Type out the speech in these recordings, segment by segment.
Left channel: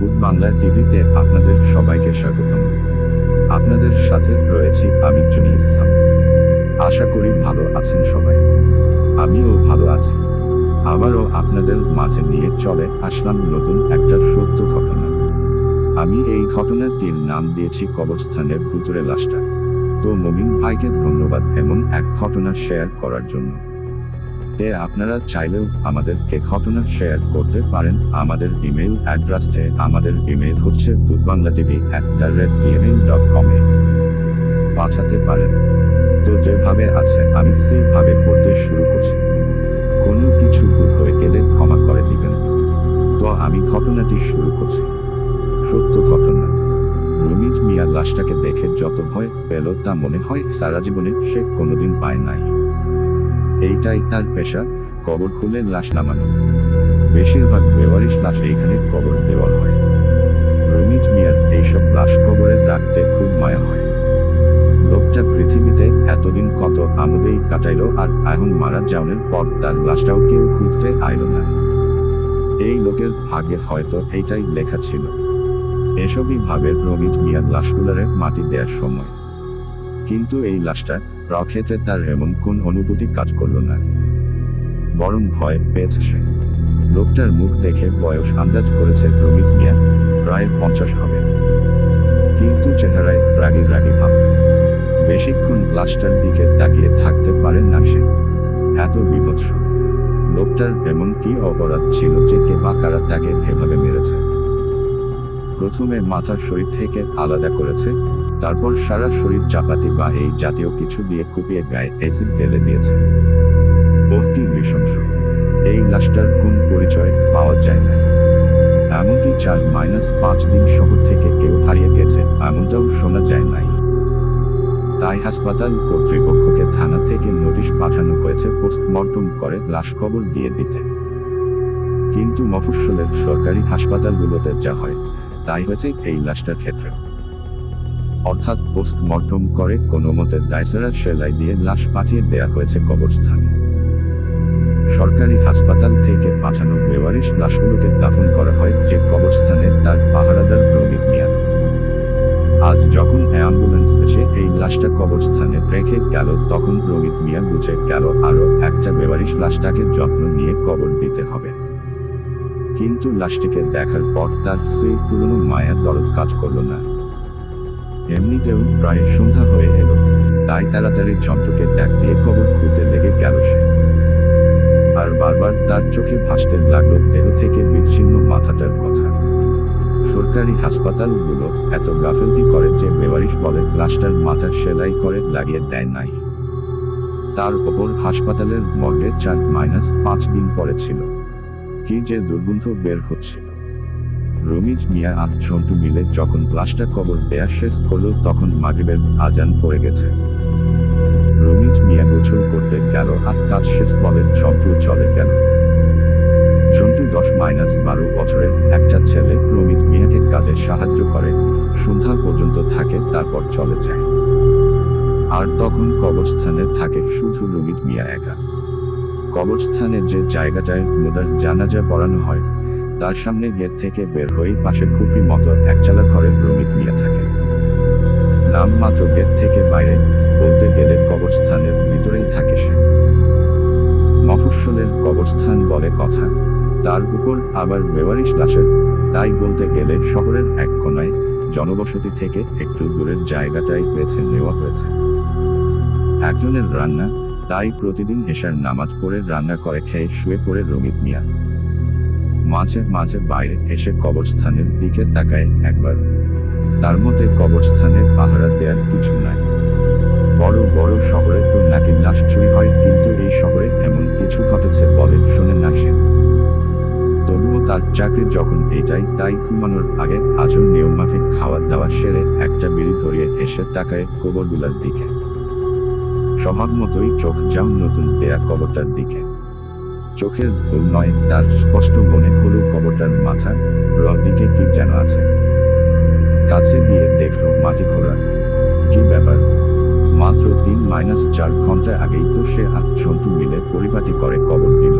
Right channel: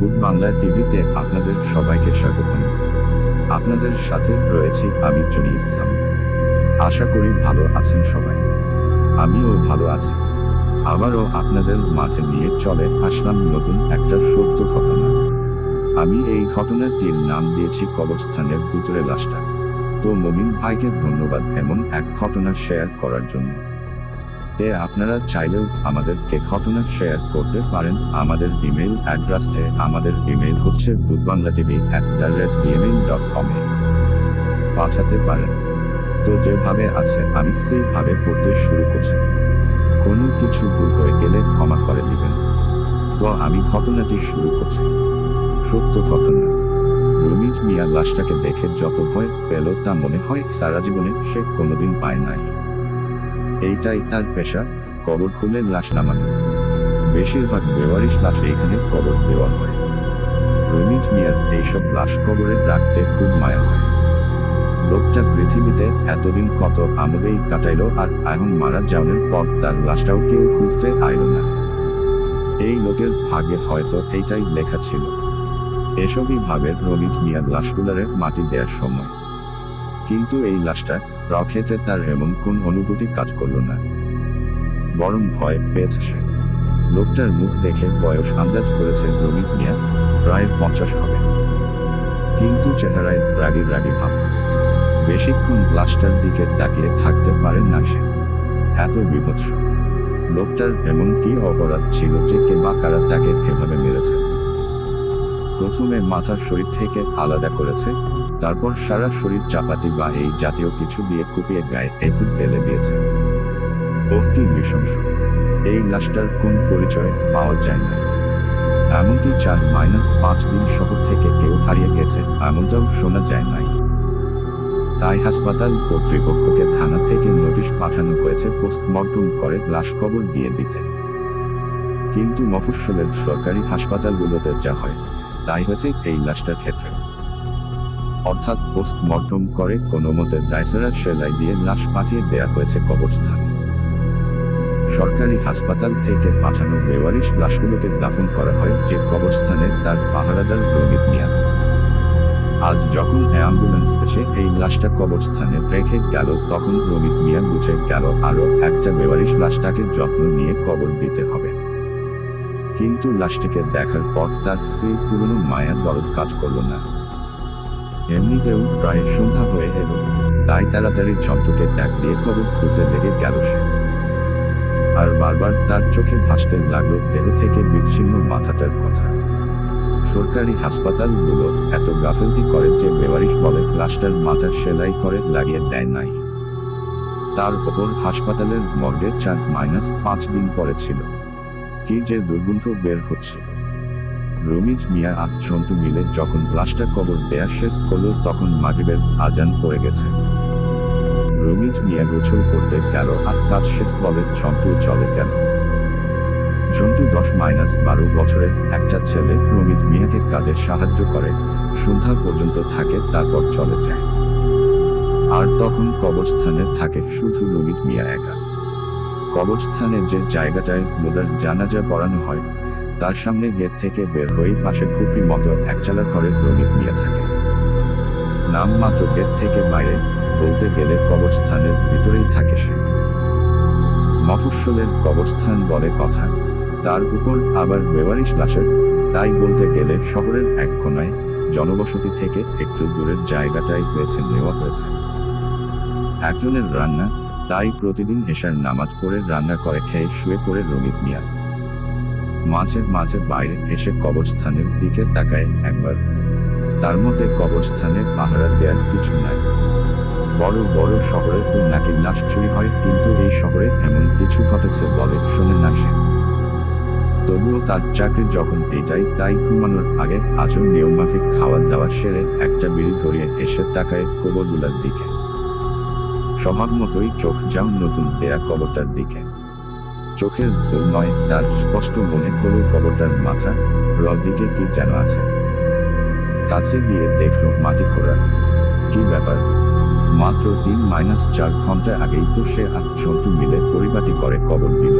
ভূত বাংলা টিভিতে আপনাদের সবাইকে স্বাগতম। আপনাদের সাথে রয়েছি আমি জুনি ইসলাম। আশা করি ভালো আছেন সবাই। আমিও ভালো আছি। আবারও আপনাদের মাঝে নিয়ে চলে আসলাম নতুন একটা সত্য ঘটনা। আমি এই ঘটনাটির নাম দিয়েছি কবরস্থানের ভূতুরে লাশটা। তো মমিন ভাইকে ধন্যবাদ এমন এক ঘটনা শেয়ার করার জন্য। আপনারা চাইলেও আমাদেরকে ঘটনা শেয়ার করতে পারেন আমাদের ইমেল অ্যাড্রেসে। আমাদের ইমেল হচ্ছে bhutbanglatv@gmail.com এ পাঠাতে পারেন। তো যেভাবে আছে আমি সেইভাবে পড়তে শুরু করছি। কোনো কিছু ভুল হয়ে গেলে ক্ষমা করে দিবেন। তো আমি ঘটনাটি শুরু করছি। সত্য ঘটনা। রমিজ মিয়া লাশটাকে দেখে যত ভয় পেল তা মনে হয় সারা জীবনে সে কোনোদিন পায় নাই। এইটাই তার পেশা, কবর খুলে লাশ নামানো। বেশিরভাগ বেওয়ারিশ লাশ এইখানে কবর দেওয়া হয়। রমিজ মিয়ার এইসব লাশ কবরে রাখতে খুব মায়া হয়। লোকটা পৃথিবীতে এতদিন কত আমোদেই কাটাইল, আর এখন মারা যাওয়ার পর তার লাশটাও কেউ খুঁজতে আইল না। এই লোকের ভাগ্যে হয়তো এইটাই লেখা ছিল। এসবই ভাবে রমিজ মিয়ার লাশগুলারে মাটি দেওয়ার সময়। কিন্তু এই লাশটা রক্ষেতে তার এমন কোন অনুভূতি কাজ করল না, বরং ভয় পেয়েছে সে। লোকটার মুখ দেখে বয়স আন্দাজ করেছে রমিজ মিয়া প্রায় 50 হবে, কিন্তু চেহারায় রাগী রাগী ভাব। বেশিক্ষণ লাশটার দিকে তাকিয়ে থাকতে পারে না সে, এত বিভৎস। লোকটার এমন কি অপরাধ ছিল যে কে বা কারা তাকে এভাবে মেরেছে? প্রথমে মাথা শরীর থেকে আলাদা করেছে, তারপর সারা শরীর চাপাতি বা এই জাতীয় কিছু দিয়ে কুপিয়ে গায়ে অ্যাসিড ঢেলে দিয়েছে। ওহ, কি নৃশংস! এই লাশটার কোন পরিচয় পাওয়া যায় না। এমনকি 4-5 দিন শহর থেকে কেউ হারিয়ে গেছে এমনটাও শোনা যায় নাই। তাই হাসপাতাল কর্তৃপক্ষকে থানা থেকে নোটিশ পাঠানো হয়েছে পোস্টমর্টম করে লাশ কবর দিয়ে দিতে। কিন্তু মফস্বলের সরকারি হাসপাতালগুলোতে যা হয় তাই হয়েছে এই লাশটার ক্ষেত্রে। অর্থাৎ পোস্টমর্টম করে কোনো মতে দায়সারা সেলাই দিয়ে লাশ পাঠিয়ে দেয়া হয়েছে কবরস্থানে। সরকারি হাসপাতাল থেকে পাঠানো বেওয়ারিশ লাশগুলোকে দাফন করা হয় যে কবরস্থানে তার পাহারাদার রমিজ মিয়া। আজ যখন অ্যাম্বুলেন্স এসে এই লাশটা কবরস্থানে রেখে গেল, তখন রমিজ মিয়া বুঝে গেল আরও একটা বেওয়ারিশ লাশটাকে যত্ন নিয়ে কবর দিতে হবে। কিন্তু লাশটিকে দেখার পর তার সেই পুরনো মায়া দরদ কাজ করল না। এমনিতেও প্রায় সন্ধ্যা হয়ে এলো, তাই তাড়াতাড়ি যন্ত্রকে ট্যাগ দিয়ে কবর খুঁড়তে লেগে গেল সে। আর বারবার তার চোখে ভাসতে লাগলো দেহ থেকে বিচ্ছিন্ন মাথাটার কথা। সরকারি হাসপাতালগুলো এত গাফেলতি করে যে বেওয়ারিশ বলে লাশটার মাথা সেলাই করে লাগিয়ে দেয় নাই। তার ওপর হাসপাতালের মর্গে 4-5 দিন পরে ছিল। কি যে দুর্গন্ধ বের হচ্ছিল! রমিজ মিয়া আর ঝন্টু মিলে যখন লাশটা কবর দেয়া শেষ করল তখন মাগরিবের আজান পড়ে গেছে। রমিজ মিয়া গোসল করতে গেল আর কাজ শেষ বলে ঝন্টু চলে গেল। ঝন্টু 10-12 বছরের একটা ছেলে, রমিজ মিয়াকে কাজে সাহায্য করে, সন্ধ্যা পর্যন্ত থাকে, তারপর চলে যায়। আর তখন কবরস্থানে থাকে শুধু রমিজ মিয়া একা। কবরস্থানে যে জায়গাটায় মুদার জানাজা পড়ানো হয় তার সামনে গেট থেকে বের হয়ে পাশে খুপড়ি মতো একচালা ঘরে রমিজ মিয়া থাকে। নাম মাত্র গেট থেকে বাইরে, বলতে গেলে কবরস্থানের ভিতরেই থাকে সে। মফস্বলের কবরস্থান বলে কথা, তার উপর আবার বেওয়ারিশ লাশের, তাই বলতে গেলে শহরের এক কোনায় জনবসতি থেকে একটু দূরের জায়গাটাই বেছে নেওয়া হয়েছে। একজনের রান্না, তাই প্রতিদিন এশার নামাজ পড়ে রান্না করে খেয়ে শুয়ে পড়ে রমিজ মিয়া। মাঝে মাঝে বাইরে এসে কবরস্থানের দিকে তাকায় একবার। তার মতে কবরস্থানের পাহারা দেওয়ার কিছু নাই। বড় বড় শহরে তো নাকি লাশ চুরি হয়, কিন্তু এই শহরে এমন কিছু ঘটেছে বলে শোনে না সে। তবুও তার চাকরি যখন এটাই, তাই ঘুমানোর আগে আজও নিয়মমাফিক খাওয়া দাওয়া সেরে একটা বিড়ি ধরিয়ে এসে তাকায় কবরগুলার দিকে। স্বভাব মতোই চোখ যাও নতুন দেয়া কবরটার দিকে। চোখের ভুল নয়, তার স্পষ্ট মনে হলো কবরটার মাথা র দিকে কি যেন আছে। কাছে গিয়ে দেখল মাটি খোঁড়া। কি ব্যাপার! মাত্র 3-4 ঘন্টা আগেই তো সে আর ঝন্টু মিলে পরিপাটি করে কবর দিল।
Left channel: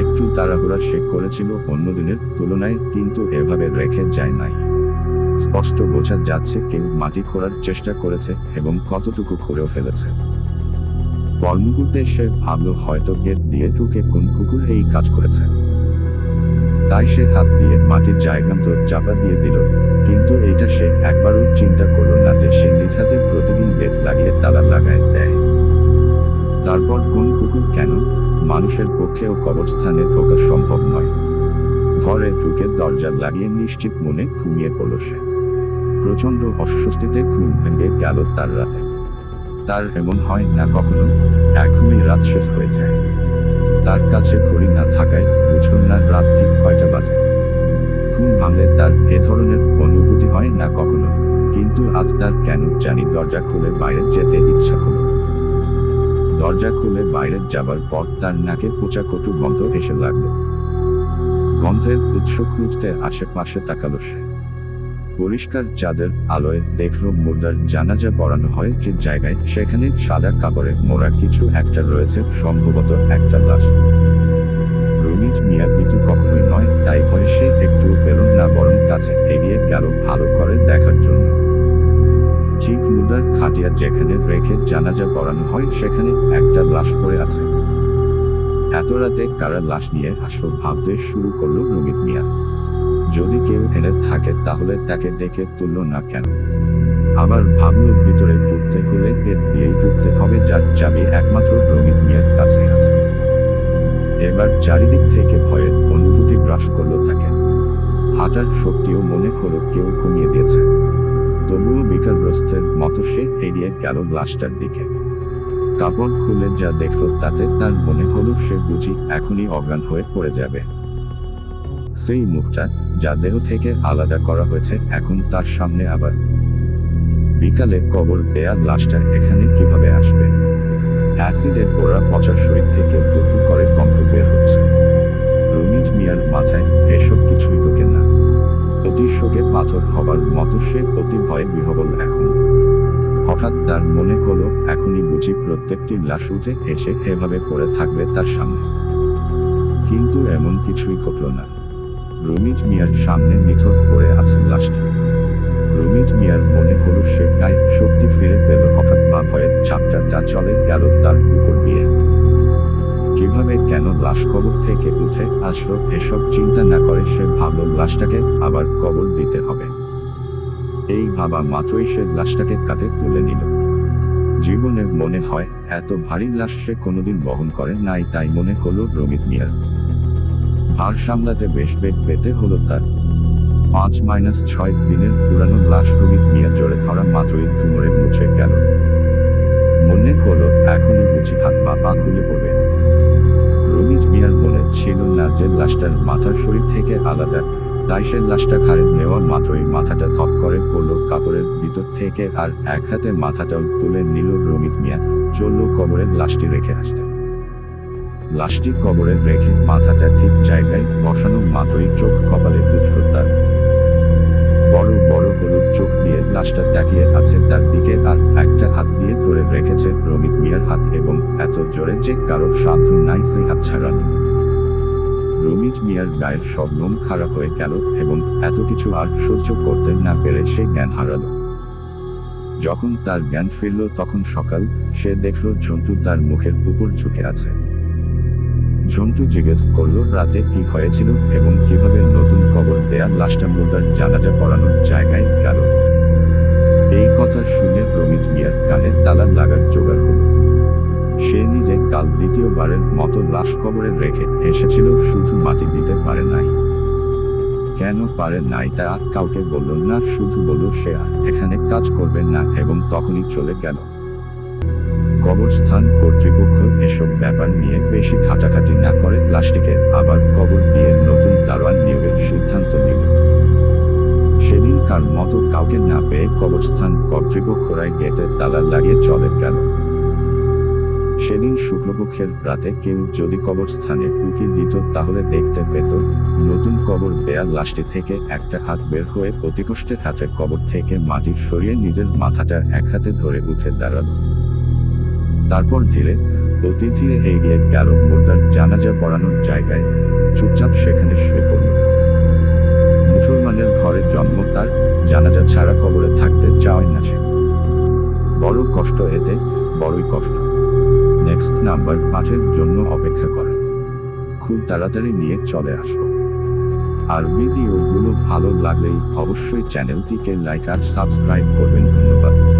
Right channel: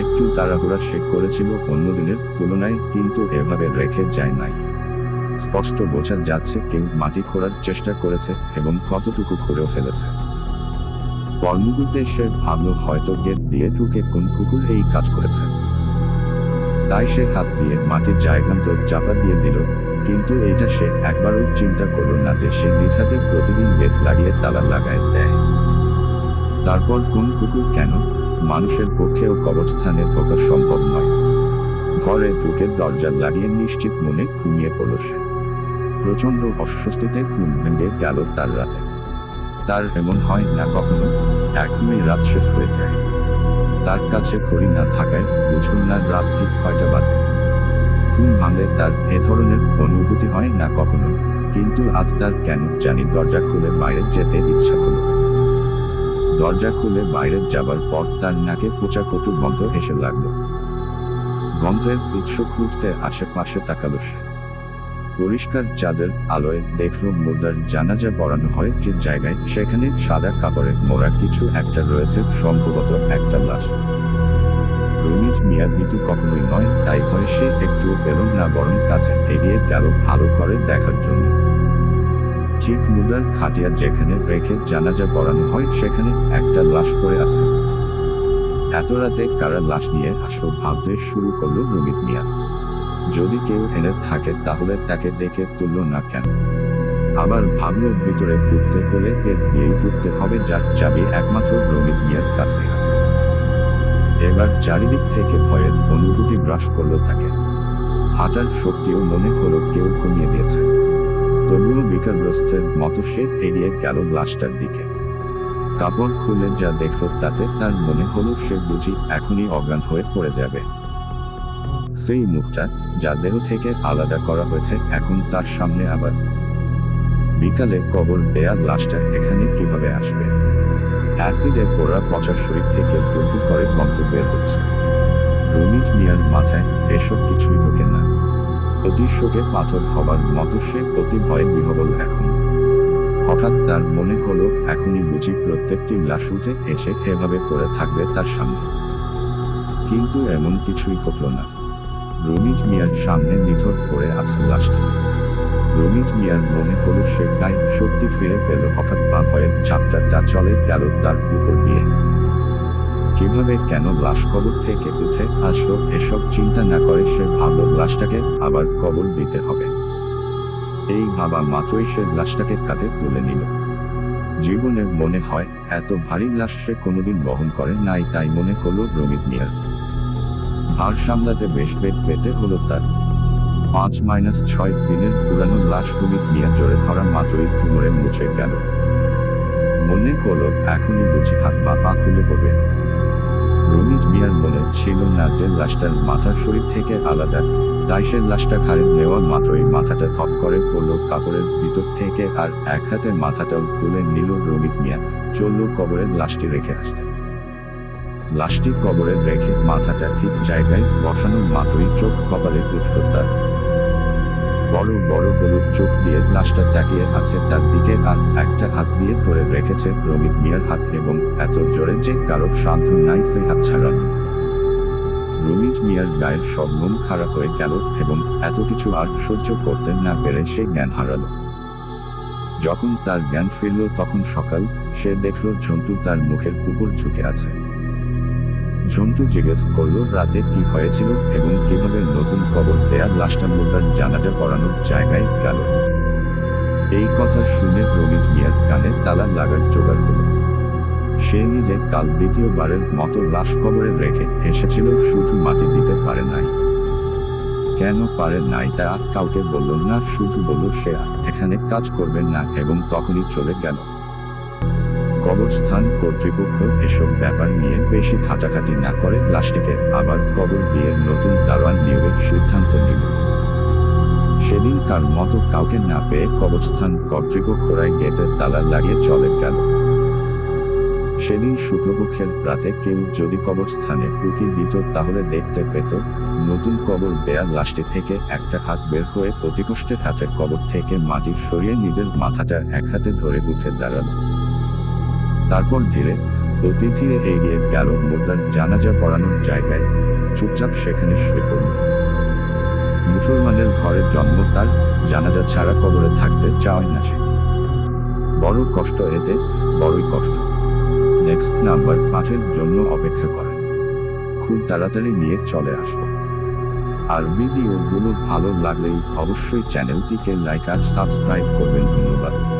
একটু তাড়াহুড়া সে করেছিল অন্য দিনের তুলনায়, কিন্তু এভাবে রেখে যায় নাই। স্পষ্ট বোঝা যাচ্ছে কেউ মাটি খোঁড়ার চেষ্টা করেছে এবং কতটুকু খুঁড়েও ফেলেছে। পর মুহূর্তে সে ভাবল হয়তো গেট দিয়ে ঢুকে কোন কুকুর এই কাজ করেছে। তাই সে হাত দিয়ে মাটির জায়গান্তর চাপা দিয়ে দিল, কিন্তু এইটা সে একবারও চিন্তা করল না যে সে নিজ হাতে প্রতিদিন গেট লাগিয়ে তালা লাগায় দেয়। তারপর কোন কুকুর কেন, মানুষের পক্ষেও কবরস্থানে ঢোকা সম্ভব নয়। ঘরে ঢুকে দরজা লাগিয়ে নিশ্চিত মনে ঘুমিয়ে পড়ল সে। প্রচন্ড অস্বস্তিতে ঘুম ভেঙে গেল তার রাতে। তার এমন হয় না কখনো এক ঘুমেই রাত শেষ হয়ে যায়। তার কাছে ঘড়ি না থাকায় বুঝল না রাত ঠিক কয়টা বাজে। ঘুম ভাঙলে তার এ ধরনের অনুভূতি হয় না কখনো, কিন্তু আজ তার কেন জানি দরজা খুলে বাইরে যেতে ইচ্ছা হলো। দরজা খুলে বাইরে যাবার পর তার নাকে পচা কটু গন্ধ এসে লাগলো। গন্ধের উৎস খুঁজতে আশেপাশে তাকালো সে। পরিষ্কার চাঁদের আলোয় দেখল মুর্দার জানাজা পড়ানো হয় যে জায়গায়, সেখানে সাদা কাপড়ে মোড়া কিছু একটা রয়েছে, সম্ভবত একটা লাশ। রমিজ মিয়া ভীতু কখনোই নয়, তাই ভয়ে সে একটু পেল না, বরং কাছে এগিয়ে গেল ভালো করে দেখার জন্য। ঠিক মুর্দার খাটিয়া যেখানে রেখে জানাজা পড়ানো হয় সেখানে একটা লাশ পড়ে আছে। এত রাতে কারা লাশ নিয়ে আসলো ভাবতে শুরু করলো রমিজ মিয়া। যদি কেউ এনে থাকে তাহলে তাকে ডেকে তুলল না কেন? আবার ভাবলো ভিতরে ঢুকতে হলে গেট দিয়েই ঢুকতে হবে, যার চাবি একমাত্র রমিজ মিয়ার কাছে আছে। এবার চারিদিক থেকে ভয়ের অনুভূতি গ্রাস করলো তাকে। হাঁটার শক্তিও মনে হলো কেউ কমিয়ে দিয়েছে। তবুও বিকারগ্রস্তের মতো সে এগিয়ে গেল লাশটার দিকে। কাপড় খুলে যা দেখল তাতে তার মনে হলো সে বুঝি এখনই অজ্ঞান হয়ে পড়ে যাবে। সেই মুখটা যা দেহ থেকে আলাদা করা হয়েছে এখন তার সামনে আবার। বিকালে কবর দেয়া লাশটা এখানে কিভাবে আসবে? অ্যাসিডে পোড়া পচা শরীর থেকে ভুরভুর করে গন্ধ বের হচ্ছে। রমিজ মিয়ার মাথায় এসব কিছুই ঢোকে না। অতি শোকে পাথর হবার মতো সে অতি ভয়ে বিহবল এখন। হঠাৎ তার মনে হলো এখনই বুঝি প্রত্যেকটি লাশ উঠে এসে এভাবে পড়ে থাকবে তার সামনে। কিন্তু এমন কিছুই ঘটল না। রমিজ মিয়ার সামনে নিথর পড়ে আছে লাশটি। রমিজ মিয়ার মনে হলো সে গায়ে শক্তি ফিরে পেল হঠাৎ, বা ভয়ের চাপটা চলে গেল তার উপর দিয়ে। কিভাবে কেন লাশ কবর থেকে উঠে আসলো এসব চিন্তা না করে সে ভাবল লাশটাকে আবার কবর দিতে হবে। এই ভাবা মাত্রই সে লাশটাকে কাঁধে তুলে নিল। জীবনে মনে হয় এত ভারী লাশ সে কোনোদিন বহন করে নাই, তাই মনে হলো রমিজ মিয়ার। ভার সামলাতে বেশ বেগ পেতে হলো তার। 5-6 দিনের পুরানো লাশ রমিজ মিয়া জোরে ধরা মাত্রই ঘুমরে মুছে গেল। মনে হলো এখনই বুঝি হাত বা পা খুলে পড়বে। রমিজ মিয়ার মনে ছিল না যে লাশটার মাথা শরীর থেকে আলাদা, তাই সে লাশটা ঘাড়ে নেওয়া মাত্রই মাথাটা থপ করে পড়ল কাপড়ের ভিতর থেকে, আর এক হাতে মাথাটাও তুলে নিল রমিজ মিয়া। চলল কবরে লাশটি রেখে আসতে। লাশটি কবরে রেখে মাথাটা ঠিক জায়গায় বসানো মাত্রই চোখ কপালে উঠল তার। বড় বড় হলুদ চোখ দিয়ে লাশটা তাকিয়ে আছে তার দিকে, আর একটা হাত দিয়ে ধরে রেখেছে রমিজ মিয়ার হাত, এবং এত জোরে যে কারোর সাধ্য নাই সে হাত ছাড়ানো। রমিজ মিয়ার গায়ের সব লোম খাড়া হয়ে গেল এবং এত কিছু আর সহ্য করতে না পেরে সে জ্ঞান হারালো। যখন তার জ্ঞান ফিরল তখন সকাল। সে দেখল ঝন্টু তার মুখের উপর ঝুঁকে আছে। ঝন্টু জিজ্ঞেস করলো রাতে কি হয়েছিল এবং কিভাবে নতুন কবর দেয়া লাশটা মুর্দার জানাজা পড়ানোর জায়গায় গেল। এই কথা শুনে রমিজ মিয়ার কানে তালা লাগার জোগাড় হলো। সে নিজে কাল দ্বিতীয়বারের মতো লাশ কবরে রেখে এসেছিল, শুধু মাটি দিতে পারে নাই। কেন পারে নাই তা কাউকে বলল না, শুধু বলল সে আর এখানে কাজ করবে না এবং তখনই চলে গেল। কবরস্থান কর্তৃপক্ষ এসব ব্যাপার নিয়ে বেশি ঘাটাঘাটি না করে লাশটিকে আবার কবর দিয়ে নতুন দারোয়ান নিয়োগের সিদ্ধান্ত নিল। সেদিনকার মতো কাউকে না পেয়ে কবরস্থান কর্তৃপক্ষরাই গেটে তালা লাগিয়ে চলে গেল। সেদিন শুক্লপক্ষের রাতে কেউ যদি কবরস্থানে উঁকি দিত তাহলে দেখতে পেত নতুন কবর দেয়া লাশটি থেকে একটা হাত বের হয়ে অতিকষ্টে হাতের কবর থেকে মাটি সরিয়ে নিজের মাথাটা এক হাতে ধরে উঠে দাঁড়ালো। তারপর ধীরে অতি ধীরে এগিয়ে গেল মুর্দার জানাজা পড়ানোর জায়গায়, চুপচাপ সেখানে শুয়ে পড়ল। মুসলমানের ঘরে জন্ম তার, জানাজা ছাড়া কবরে থাকতে চায় না সে। বড় কষ্ট এতে, বড়ই কষ্ট। নেক্সট নাম্বার পাঠের জন্য অপেক্ষা করেন, খুব তাড়াতাড়ি নিয়ে চলে আসব। আর ভিডিওগুলো ভালো লাগলেই অবশ্যই চ্যানেলটিকে লাইক আর সাবস্ক্রাইব করবেন। ধন্যবাদ।